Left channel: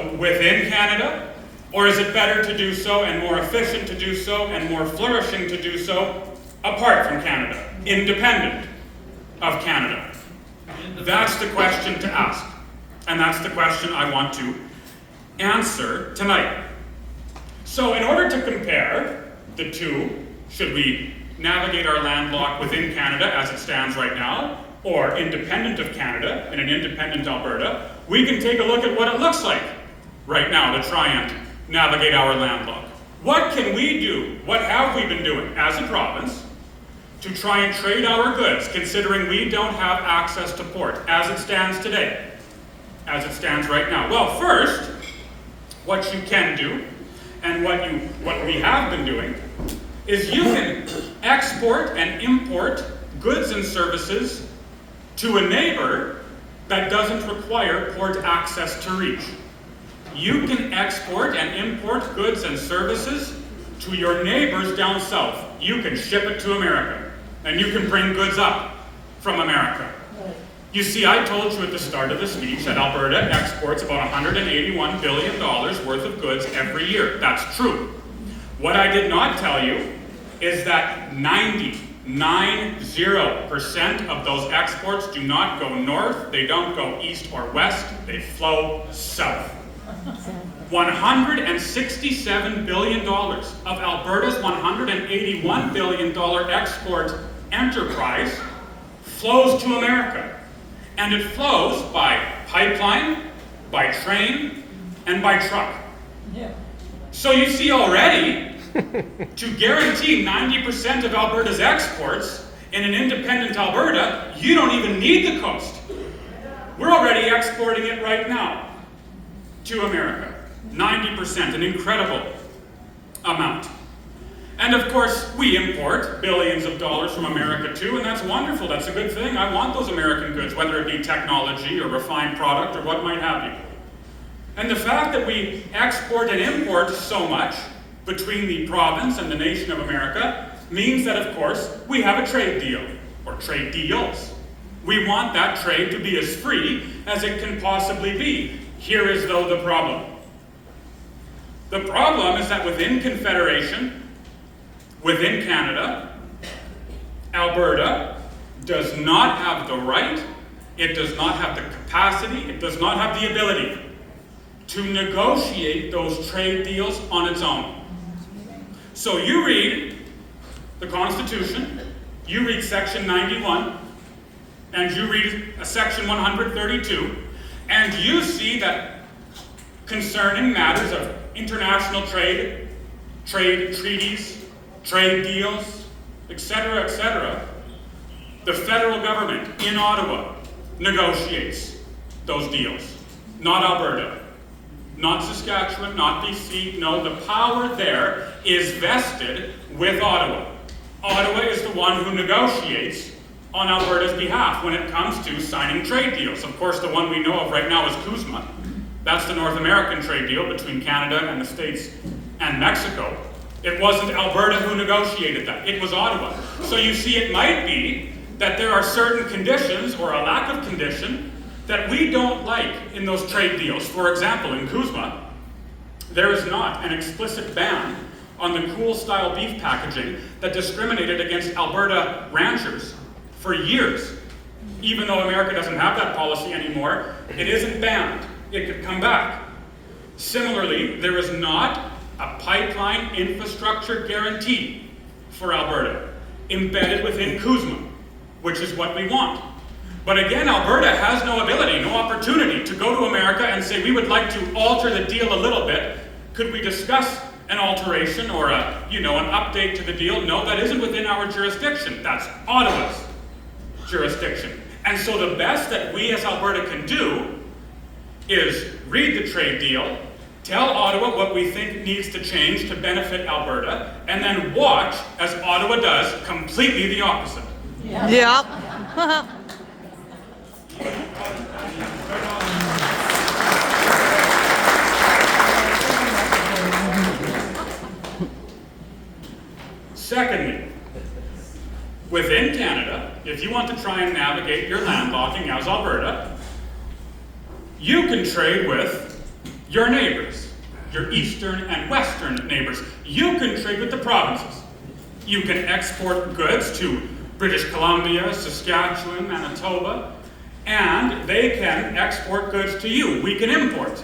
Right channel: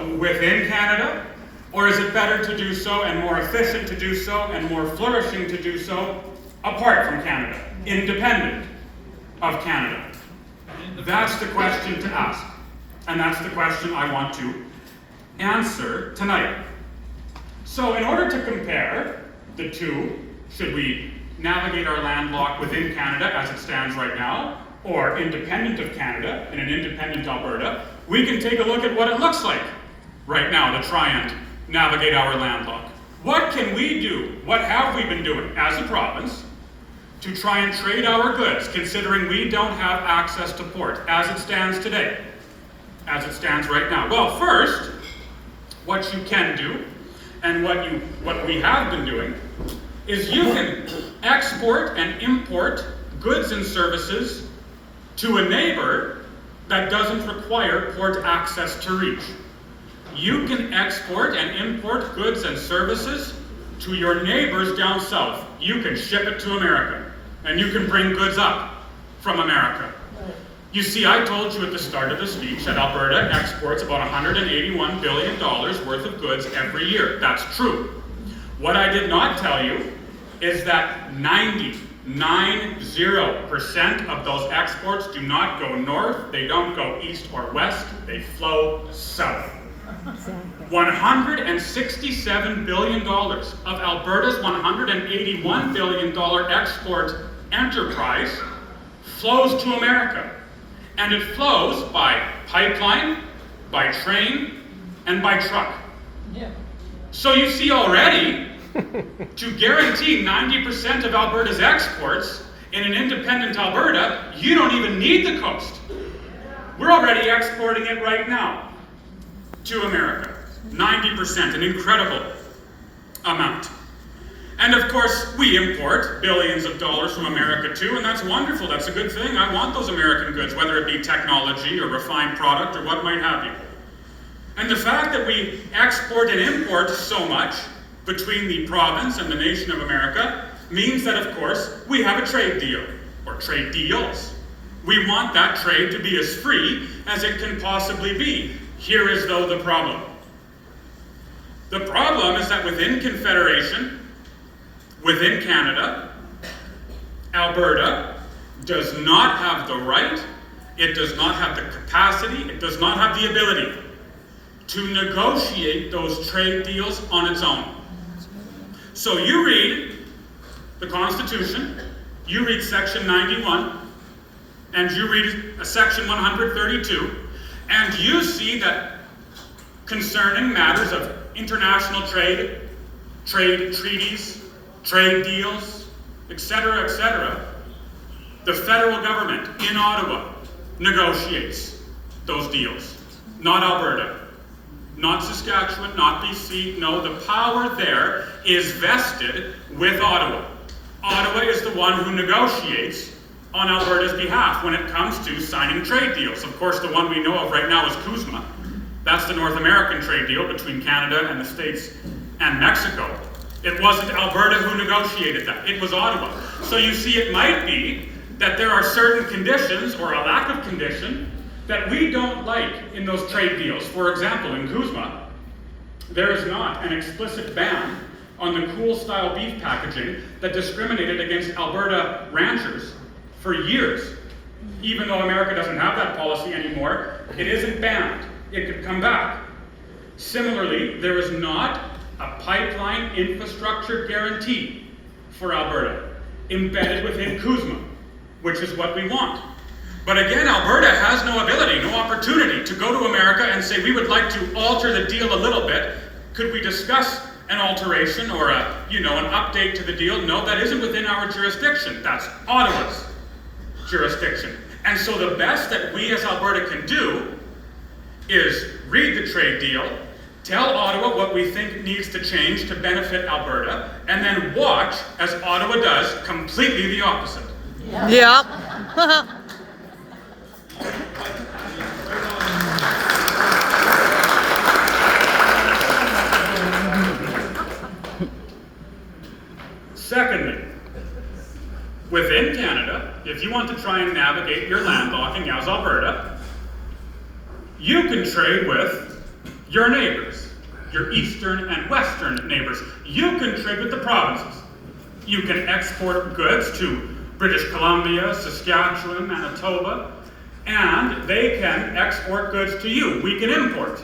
so within Canada, or is it better to do so and more efficient to do so and more flourishing to do so apart from Canada, independent of Canada? That's the question to ask, and that's the question I want to answer tonight. So in order to compare the two, should we navigate our landlock within Canada as it stands right now, or independent of Canada in an independent Alberta, we can take a look at what it looks like right now to try and navigate our landlock. What can we do? What have we been doing as a province to try and trade our goods, considering we don't have access to port as it stands today, as it stands right now? Well, first, what you can do, and what we have been doing, is you can export and import goods and services to a neighbor that doesn't require port access to reach. You can export and import goods and services to your neighbors down south. You can ship it to America, and you can bring goods up from America. You see, I told you at the start of the speech that Alberta exports about $181 billion worth of goods every year. That's true. What I did not tell you is that 90% of those exports do not go north, they don't go east or west, they flow south. $167 billion of Alberta's $181 billion export enterprise flows to America. And it flows by pipeline, by train, and by truck. Yeah. So you see already, to guarantee 90% of Alberta's exports in an independent Alberta, you don't even need the coast. We're already exporting it right now to America. 90%, an incredible amount. And of course, we import billions of dollars from America too, and that's wonderful, that's a good thing. I want those American goods, whether it be technology or refined product or what might have you. And the fact that we export and import so much between the province and the nation of America means that, of course, we have a trade deal, or trade deals. We want that trade to be as free as it can possibly be. Here is, though, the problem. The problem is that within Confederation, within Canada, Alberta does not have the right, it does not have the capacity, it does not have the ability to negotiate those trade deals on its own. So you read the Constitution, you read Section 91, and you read Section 132, and you see that concerning matters of international trade, trade treaties, trade deals, etc., the federal government in Ottawa negotiates those deals, not Alberta, not Saskatchewan, not BC. No, the power there is vested with Ottawa. Ottawa is the one who negotiates on Alberta's behalf when it comes to signing trade deals. Of course, the one we know of right now is CUSMA. That's the North American trade deal between Canada and the States and Mexico. It wasn't Alberta who negotiated that, it was Ottawa. So you see, it might be that there are certain conditions, or a lack of condition, that we don't like in those trade deals. For example, in CUSMA, there is not an explicit ban on the cool-style beef packaging that discriminated against Alberta ranchers for years. Even though America doesn't have that policy anymore, it isn't banned. It could come back. Similarly, there is not a pipeline infrastructure guarantee for Alberta, embedded within CUSMA, which is what we want. But again, Alberta has no ability, no opportunity to go to America and say, we would like to alter the deal a little bit. Could we discuss an alteration or an update to the deal? No, that isn't within our jurisdiction. That's Ottawa's jurisdiction. And so the best that we as Alberta can do is read the trade deal, tell Ottawa what we think needs to change to benefit Alberta, and then watch as Ottawa does completely the opposite. Yeah. Secondly, within Canada, if you want to try and navigate your landlocking as Alberta, you can trade with your neighbors, your eastern and western neighbors. You can trade with the provinces. You can export goods to British Columbia, Saskatchewan, Manitoba, and they can export goods to you. We can import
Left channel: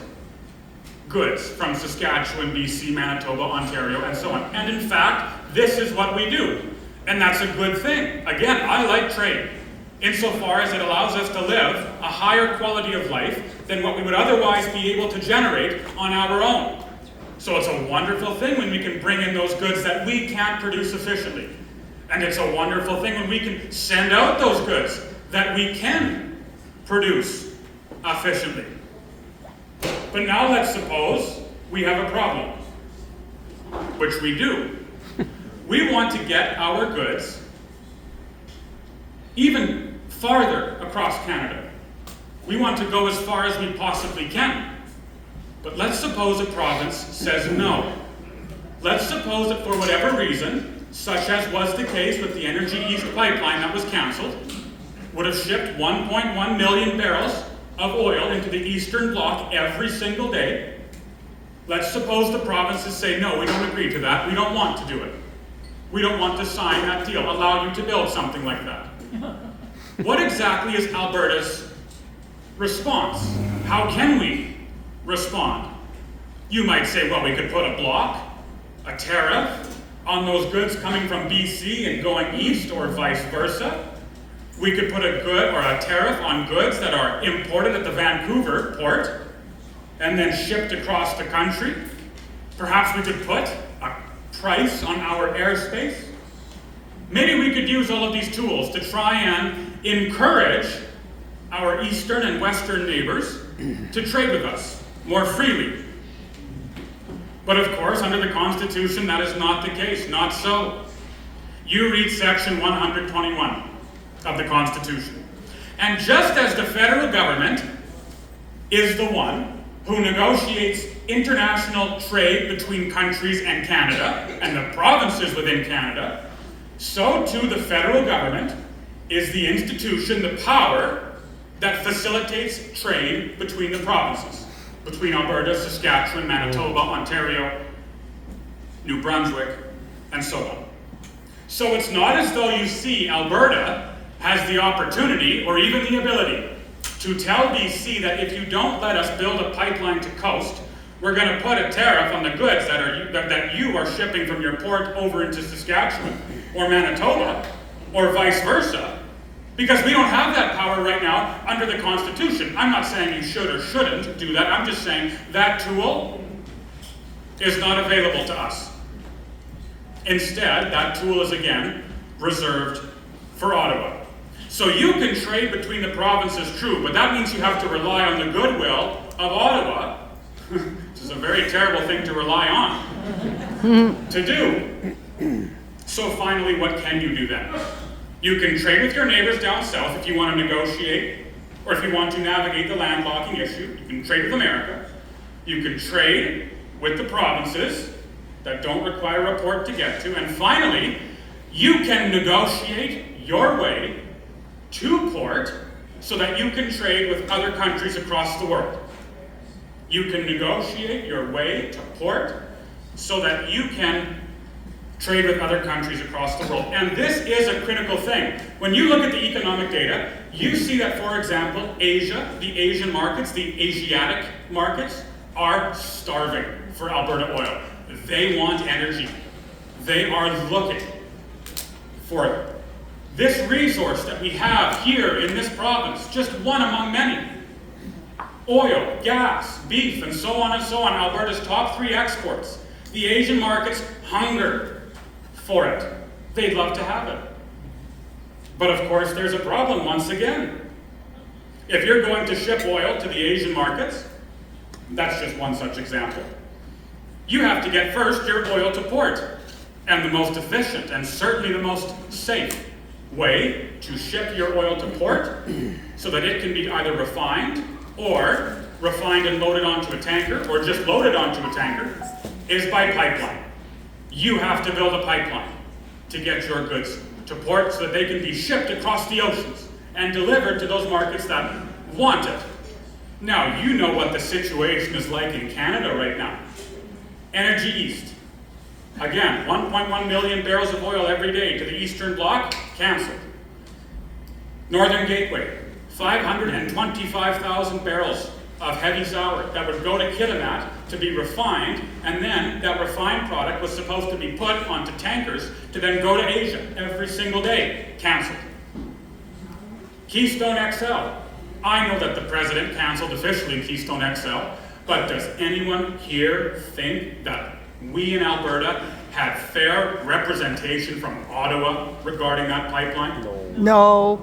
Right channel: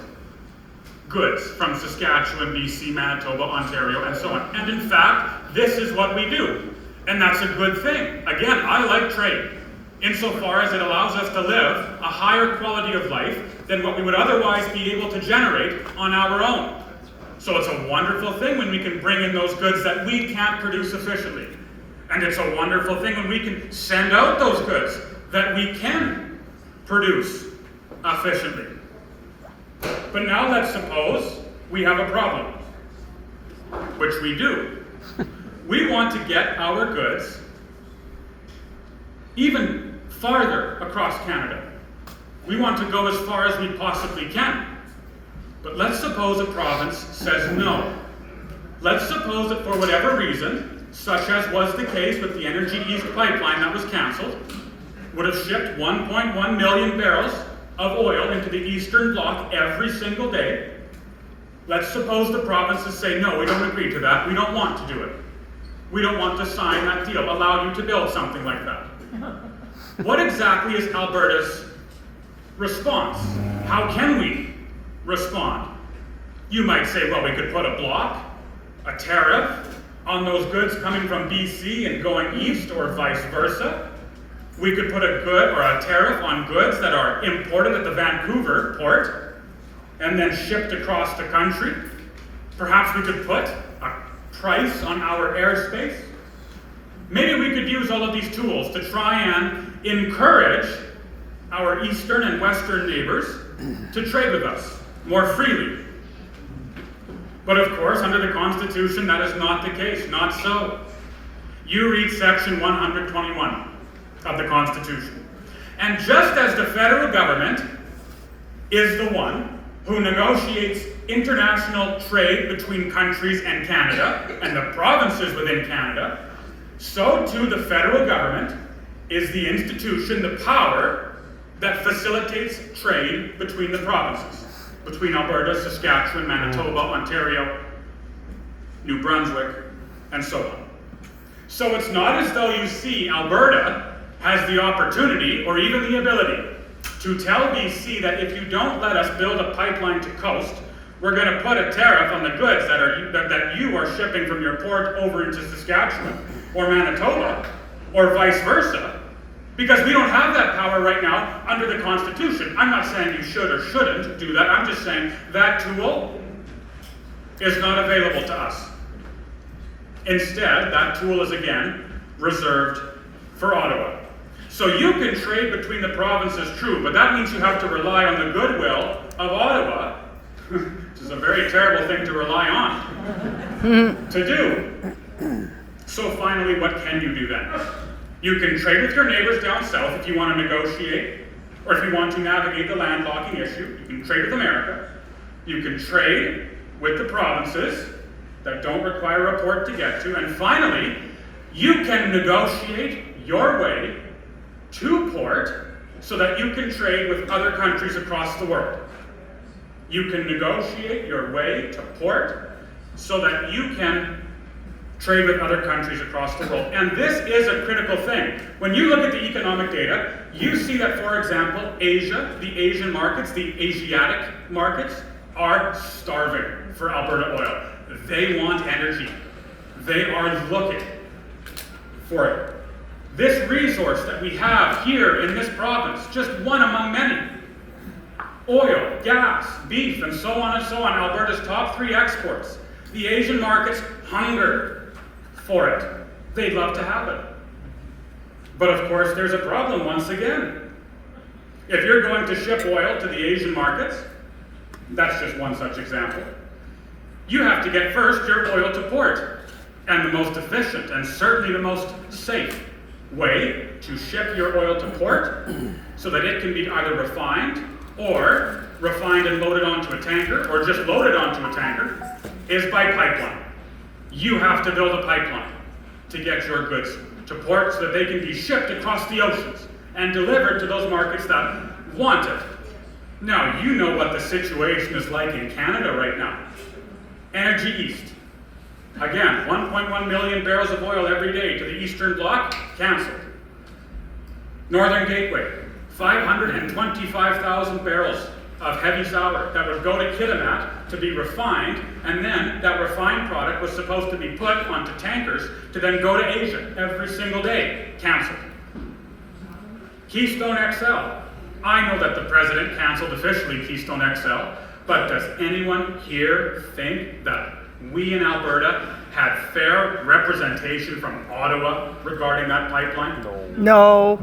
goods from Saskatchewan, BC, Manitoba, Ontario, and so on. And in fact, this is what we do. And that's a good thing. Again, I like trade, insofar as it allows us to live a higher quality of life than what we would otherwise be able to generate on our own. So it's a wonderful thing when we can bring in those goods that we can't produce efficiently. And it's a wonderful thing when we can send out those goods that we can produce efficiently. But now let's suppose we have a problem, which we do. We want to get our goods even farther across Canada. We want to go as far as we possibly can. But let's suppose a province says no. Let's suppose that for whatever reason, such as was the case with the Energy East pipeline that was cancelled, would have shipped 1.1 million barrels of oil into the Eastern Bloc every single day. Let's suppose the provinces say, no, we don't agree to that. We don't want to do it. We don't want to sign that deal, allow you to build something like that. What exactly is Alberta's response? How can we respond? You might say, well, we could put a block, a tariff on those goods coming from BC and going east, or vice versa. We could put a good or a tariff on goods that are imported at the Vancouver port and then shipped across the country. Perhaps we could put a price on our airspace. Maybe we could use all of these tools to try and encourage our eastern and western neighbors to trade with us more freely. But of course, under the Constitution, that is not the case, not so. You read section 121 of the Constitution. And just as the federal government is the one who negotiates international trade between countries and Canada, and the provinces within Canada, so too the federal government is the institution, the power, that facilitates trade between the provinces, between Alberta, Saskatchewan, Manitoba, Ontario, New Brunswick, and so on. So it's not as though you see Alberta has the opportunity or even the ability to tell BC that if you don't let us build a pipeline to coast, we're going to put a tariff on the goods that you are shipping from your port over into Saskatchewan or Manitoba, or vice versa, because we don't have that power right now under the Constitution. I'm not saying you should or shouldn't do that. I'm just saying that tool is not available to us. Instead, that tool is again reserved for Ottawa. So you can trade between the provinces, true, but that means you have to rely on the goodwill of Ottawa, which is a very terrible thing to rely on to do. So finally, what can you do then? You can trade with your neighbors down south if you want to negotiate, or if you want to navigate the landlocking issue. You can trade with America. You can trade with the provinces that don't require a port to get to. And finally, you can negotiate your way to port so that you can trade with other countries across the world. You can negotiate your way to port so that you can trade with other countries across the world. And this is a critical thing. When you look at the economic data, you see that, for example, Asia, the Asian markets, the Asiatic markets, are starving for Alberta oil. They want energy. They are looking for it. This resource that we have here in this province, just one among many, oil, gas, beef, and so on, Alberta's top 3 exports. The Asian markets hunger for it. They'd love to have it. But of course, there's a problem once again. If you're going to ship oil to the Asian markets, that's just one such example, you have to get first your oil to port. And the most efficient and certainly the most safe way to ship your oil to port so that it can be either refined and loaded onto a tanker, or just loaded onto a tanker, is by pipeline. You have to build a pipeline to get your goods to port so that they can be shipped across the oceans and delivered to those markets that want it. Now, you know what the situation is like in Canada right now. Energy East. Again, 1.1 million barrels of oil every day to the Eastern Bloc, cancelled. Northern Gateway, 525,000 barrels of heavy sour that would go to Kitimat to be refined, and then that refined product was supposed to be put onto tankers to then go to Asia every single day, cancelled. Keystone XL. I know that the president cancelled officially Keystone XL, but does anyone here think that we in Alberta had fair representation from Ottawa regarding that pipeline? No.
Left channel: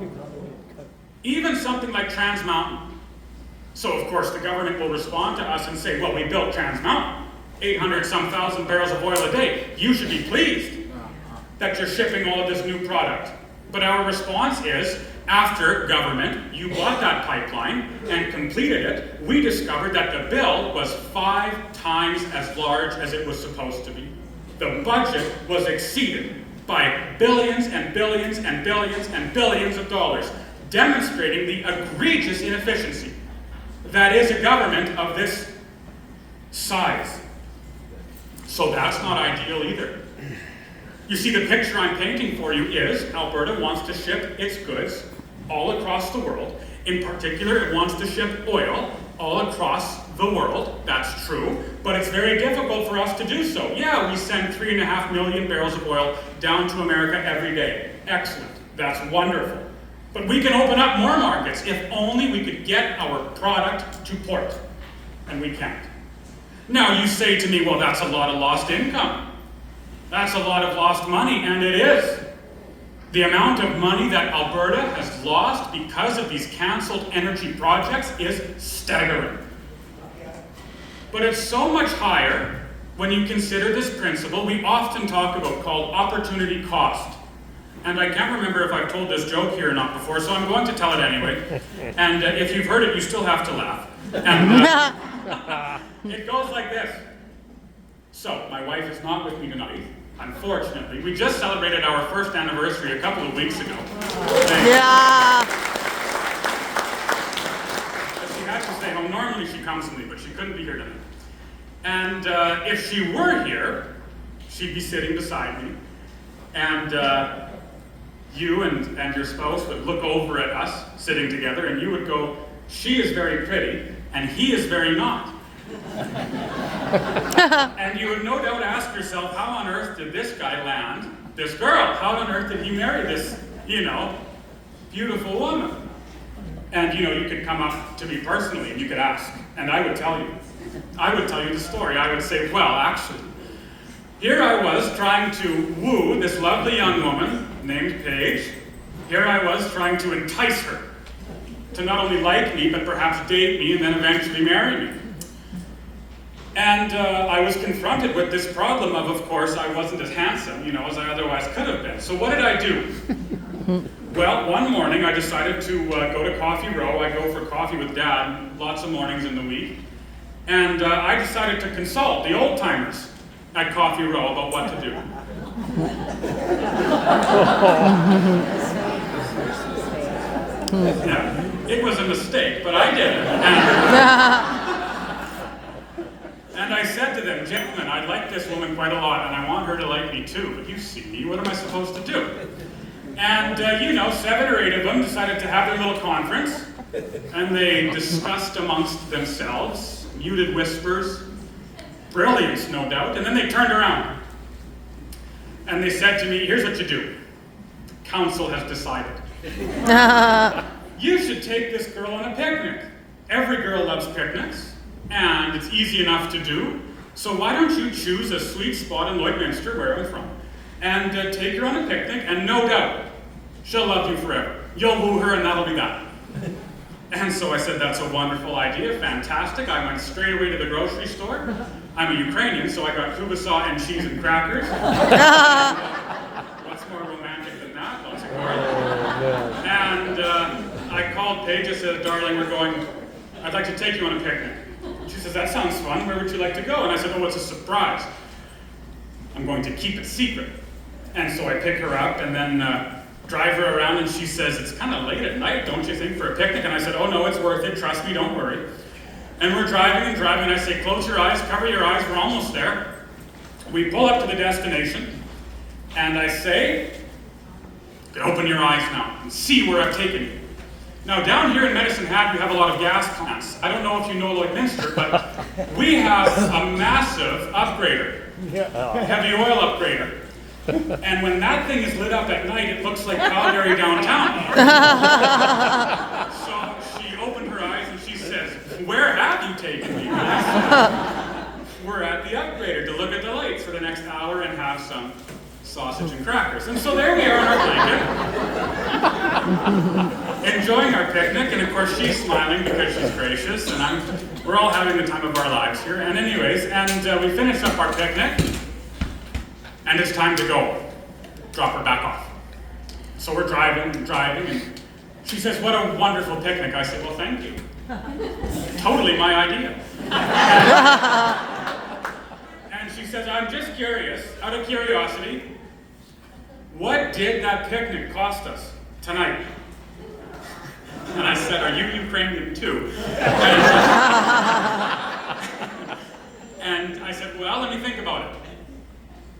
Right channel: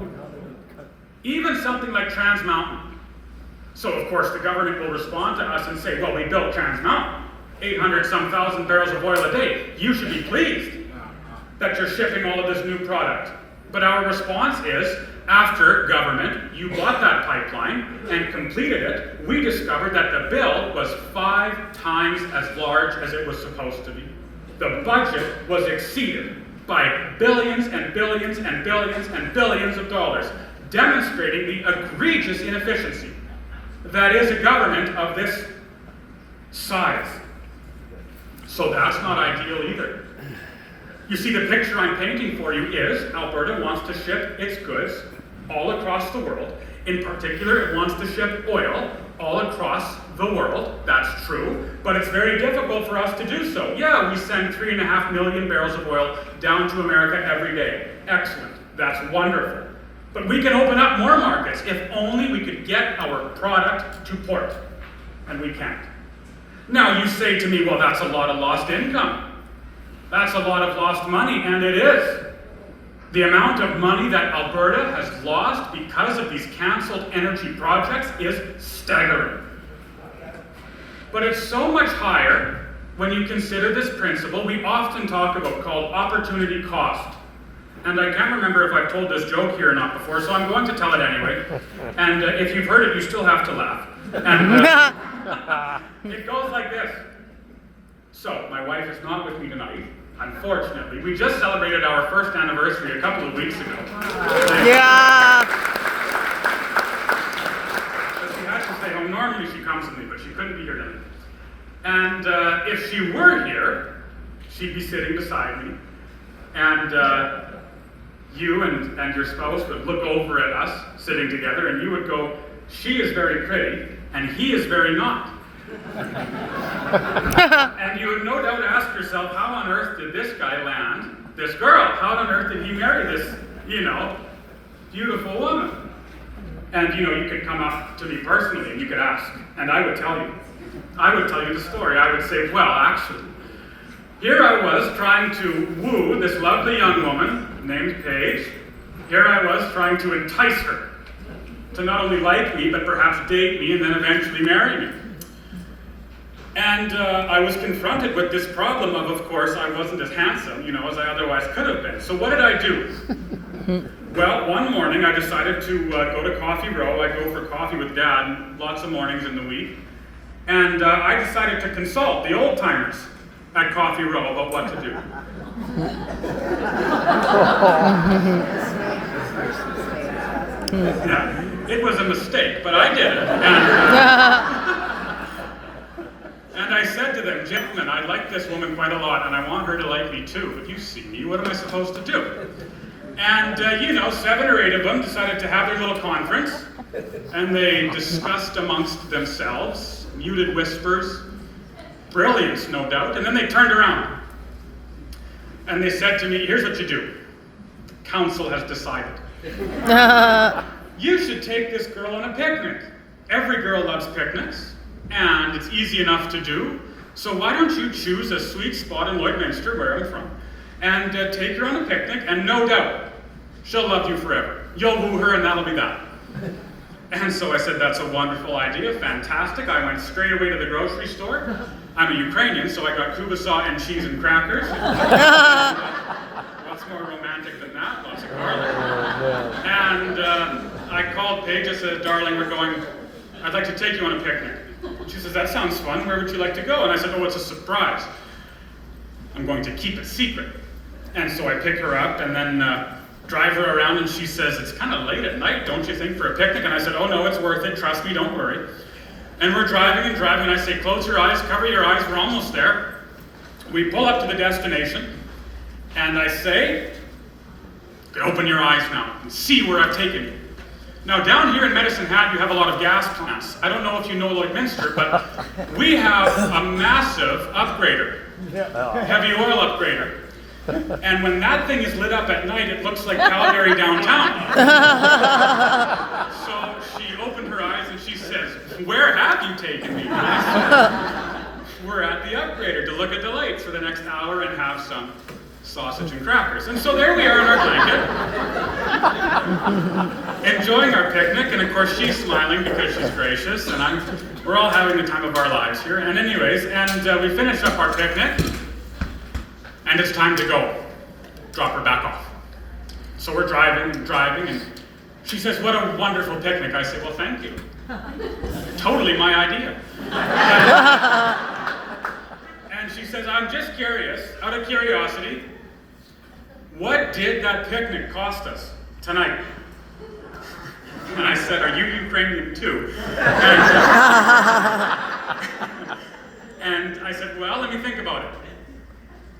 Even something like Trans Mountain. So of course the government will respond to us and say, well, we built Trans Mountain, 800-some thousand barrels of oil a day. You should be pleased that you're shipping all of this new product. But our response is, after government, you bought that pipeline and completed it, we discovered that the bill was 5 times as large as it was supposed to be. The budget was exceeded by billions and billions and billions and billions of dollars, demonstrating the egregious inefficiency that is a government of this size. So that's not ideal either. You see, the picture I'm painting for you is Alberta wants to ship its goods all across the world. In particular, it wants to ship oil all across the world. That's true, but it's very difficult for us to do so. Yeah, we send 3.5 million barrels of oil down to America every day. Excellent. That's wonderful. But we can open up more markets if only we could get our product to port. And we can't. Now you say to me, well, that's a lot of lost income. That's a lot of lost money, and it is. The amount of money that Alberta has lost because of these cancelled energy projects is staggering. But it's so much higher when you consider this principle we often talk about called opportunity cost. And I can't remember if I've told this joke here or not before, so I'm going to tell it anyway. And if you've heard it, you still have to laugh. And it goes like this. So, my wife is not with me tonight, unfortunately. We just celebrated our first anniversary a couple of weeks ago. Yeah. But she had to stay home. Normally she comes with me, but she couldn't be here tonight. And if she were here, she'd be sitting beside me. And you and your spouse would look over at us sitting together, and you would go, she is very pretty, and he is very not. And you would no doubt ask yourself, how on earth did this guy land this girl? How on earth did he marry this, beautiful woman? And, you could come up to me personally, and you could ask, and I would tell you. I would tell you the story. I would say, well, actually, here I was trying to woo this lovely young woman named Paige. Here I was trying to entice her to not only like me, but perhaps date me and then eventually marry me. And I was confronted with this problem of course, I wasn't as handsome, as I otherwise could have been. So what did I do? Well, one morning I decided to go to Coffee Row. I go for coffee with Dad lots of mornings in the week. And I decided to consult the old-timers at Coffee Row about what to do. Yeah, it was a mistake, but I did it. And I said to them, gentlemen, I like this woman quite a lot, and I want her to like me too, but you see me, what am I supposed to do? And 7 or 8 of them decided to have their little conference, and they discussed amongst themselves, muted whispers, brilliance, no doubt, and then they turned around. And they said to me, here's what you do. Council has decided. You should take this girl on a picnic. Every girl loves picnics, and it's easy enough to do. So why don't you choose a sweet spot in Lloydminster, where I'm from, and take her on a picnic, and no doubt, she'll love you forever. You'll woo her, and that'll be that. And so I said, that's a wonderful idea, fantastic. I went straight away to the grocery store. I'm a Ukrainian, so I got kubasat and cheese and crackers. What's more romantic than that? Lots of garlic. And I called Paige. I said, darling, I'd like to take you on a picnic. She says, that sounds fun. Where would you like to go? And I said, oh, it's a surprise. I'm going to keep it secret. And so I pick her up and then drive her around, and she says, it's kind of late at night, don't you think, for a picnic? And I said, oh no, it's worth it. Trust me, don't worry. And we're driving and driving, and I say, close your eyes, cover your eyes, we're almost there. We pull up to the destination, and I say, open your eyes now and see where I've taken you. Now, down here in Medicine Hat, you have a lot of gas plants. I don't know if you know Lloydminster, but we have a massive upgrader, heavy oil upgrader. And when that thing is lit up at night, it looks like Calgary downtown. So she opened her eyes and she says, where have you taken me? And I said, we're at the upgrader to look at the lights for the next hour and have some sausage and crackers. And so there we are in our blanket, enjoying our picnic, and of course she's smiling because she's gracious, and we're all having the time of our lives here. And anyways, we finish up our picnic, and it's time to go. Drop her back off. So we're driving, and she says, what a wonderful picnic. I say, well, thank you. Totally my idea. And she says, I'm just curious, out of curiosity, what did that picnic cost us tonight? And I said, are you Ukrainian too? And I said, well, let me think about it.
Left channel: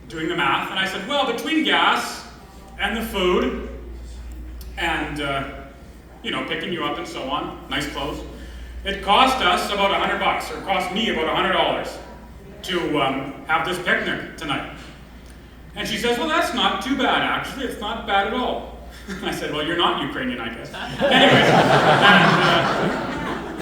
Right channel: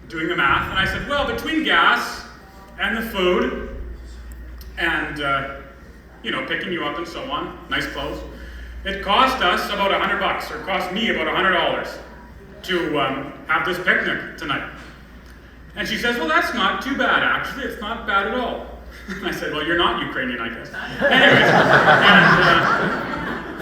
Doing the math, and I said, well, between gas and the food and, picking you up and so on, nice clothes, it cost us about $100, or cost me about $100 to have this picnic tonight. And she says, well, that's not too bad, actually. It's not bad at all. And I said, well, you're not Ukrainian, I guess. Anyways,